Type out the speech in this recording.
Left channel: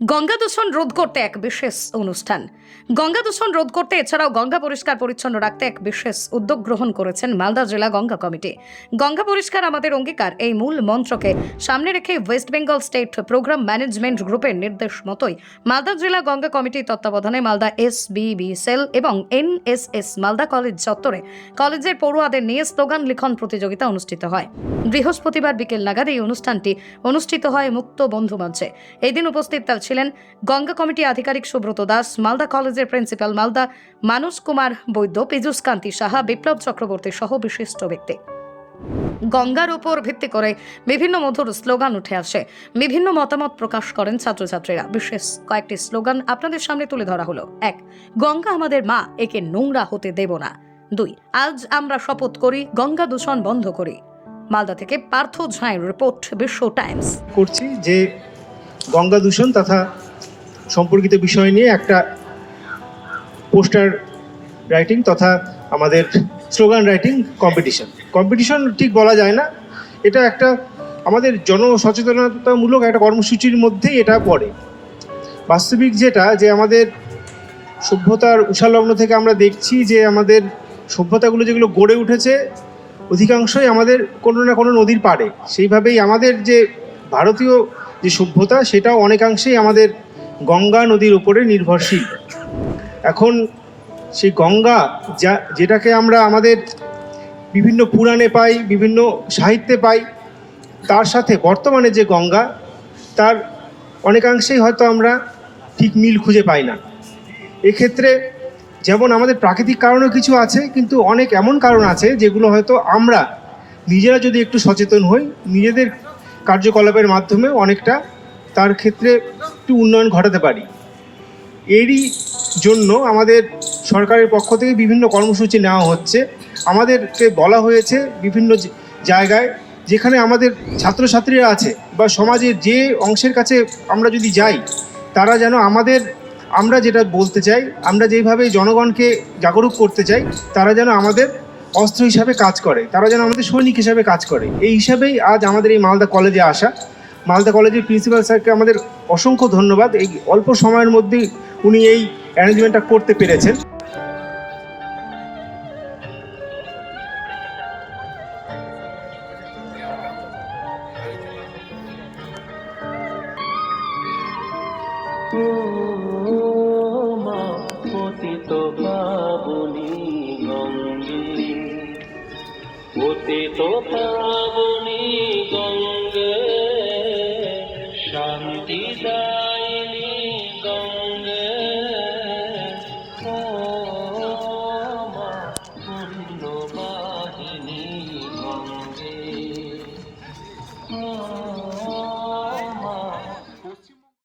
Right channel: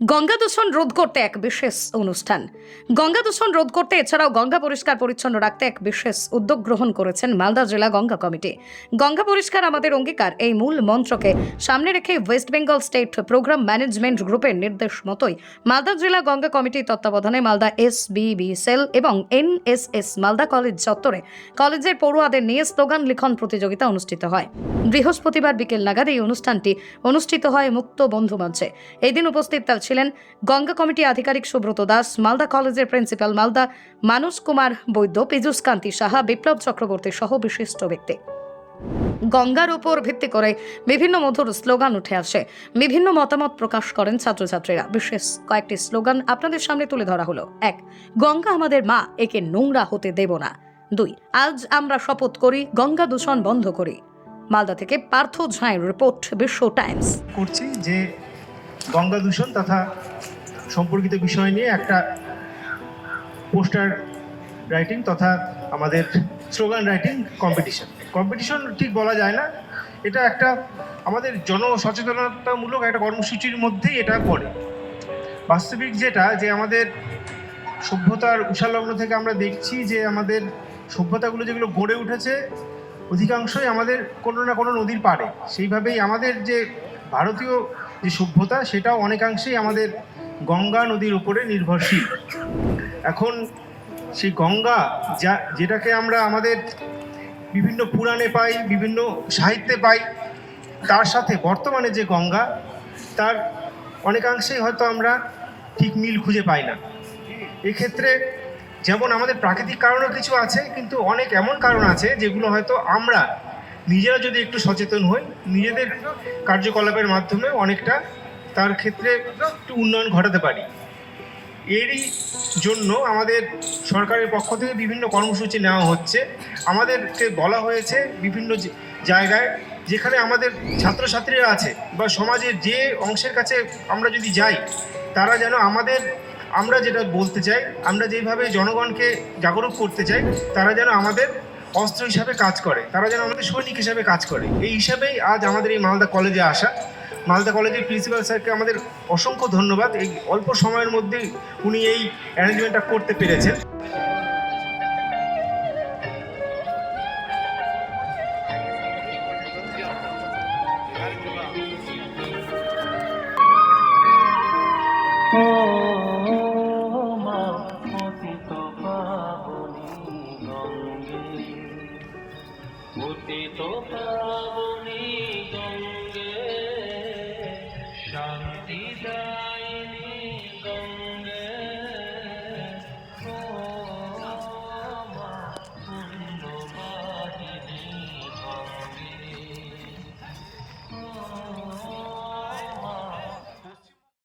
গঙ্গা দূষণ রোধ করতে এক বিশেষ অনুষ্ঠান। গঙ্গা দূষণ রোধ করতে এছাড়াও গঙ্গা পরিষ্কার পরিচ্ছন্ন রাখতে এক বিশেষ উদ্যোগ গ্রহণ করেছেন মালদা জেলা গঙ্গা কমিটি। গঙ্গা পরিষ্কার আমাদের অঙ্গীকার, এই মূল মন্ত্রকে সামনে রেখে West Bengal state programme management গ্রুপের নির্দেশ মতোই মালদা জেলা গঙ্গা কমিটির তত্ত্বাবধানে মালদা এস সেল এবং এনএসএস মালদা কলেজ চত্বরে কলেজের পড়ুয়াদের নিয়ে স্লোগান লিখন প্রতিযোগিতা অনুষ্ঠিত হয়। বৃহস্পতিবার বিকেল নাগাদ এই অনুষ্ঠানটি অনুষ্ঠিত হয় মুক্ত বন্ধু মঞ্চে। এই দিন উপস্থিত ছিলেন গঙ্গা কমিটি আধিকারিক সুব্রত দাস, মালদা কলেজের প্রিন্সিপাল মালদা মানুষ কুমার বৈদ্য পীযুষ কান্তি সাহা, বিপ্লব চক্রবর্তী সহ বিশিষ্ট ব্যক্তি। গঙ্গার উপর ভিত্তি করে বিভিন্ন মধুর স্লোগান উঠে আসে। বিভিন্ন মতামত প্রকাশ করেন ছাত্রছাত্রীরা। বিশেষ কয়েকটি স্লোগান আপনাদের সামনে তুলে ধরা হলো। এক, গঙ্গা আমাদের মা, একে নোংরা হতে দেব না। দুই, আজ আমরা শপথ করি, গঙ্গা দূষণ বন্ধ করি। মালদা থেকে পার্থ ঝাঁয়ের রিপোর্ট, বিশ্ব টাইমস। করছি যে গঙ্গা দূষণ তথা সম্পর্কিত বিষয় নিয়ে একটা পোস্টার রাইটিং তথা আমাদের স্লোগান রাইটিং কম্পিটিশন। কম্পিটিশন ঠিক বলা যায় না। এটা একটা আমাদের জনসচেতনতামূলক একটা কর্মসূচির মধ্যেই এটা পড়ে। বাস্তবিক যেটা, যে আমাদের সভ্যতার উষালগ্ন থেকে আমরা দেখছি যে আমাদের সভ্যতাগুলো যেগুলো গড়ে উঠেছে, অধিকাংশই আমাদের কোনো না কোনো নদীর পাড়ে। সেইভাবেই আমাদের যে ভারতীয় যে সভ্যতা, সেটাও অনেকাংশেই আমাদের গঙ্গা নদীর উপরে নির্ভরশীল। এখন সেই গঙ্গা যা, যেটাকে আমরা আমাদের বিভিন্ন পুরাণে পাই, বিভিন্ন সাহিত্যে পাই, তার সাথে বর্তমানে যে গঙ্গা, তার অনেকাংশেই হয়তো আমরা ঠিক মিল খুঁজে পাই না। এক্ষেত্রে যেমন আমাদের প্রাকৃতিক কারণও কিছু আছে, কিন্তু অনেক এমন কারণ আছে যেগুলো হয়তো আমরা নিজেরা যদি একটু সচেতন হই, নিজেদের কার্যকলাপের মাধ্যমে অনেকটা তার ক্ষেত্রে একটু উন্নয়ন ঘটাতে পারি। এরই জন্য আমাদের সরকারের পক্ষ থেকে বিভিন্ন কর্মসূচি নেওয়া হচ্ছে। আমাদেরকে বলা হয়েছে বিভিন্ন জায়গায় যেখানে আমাদের ছাত্রছাত্রীরা আছে বা সমাজের যে অংশের কাছে আমরা যদি যাই, তারা যেন আমাদের, আমরা যেটা বলতে চাই, আমরা যেভাবে জনগণকে জাগরুক করতে চাই, তারা যেন আমাদের অস্ত্র হিসাবে কাজ করে। তারা যেন আমাদের সৈনিক হিসাবে কাজ করে। এই হিসাবেই আজ আমাদের এই মালদা কলেজে আসা। মালদা কলেজের প্রিন্সিপাল স্যারকে আমাদের অসংখ্য ধন্যবাদ। এই অল্প সময়ের মধ্যেই উনি এই অ্যারেঞ্জমেন্টটা করতে পেরেছেন। ও উদিত প্লাবনী গঙ্গে শান্তি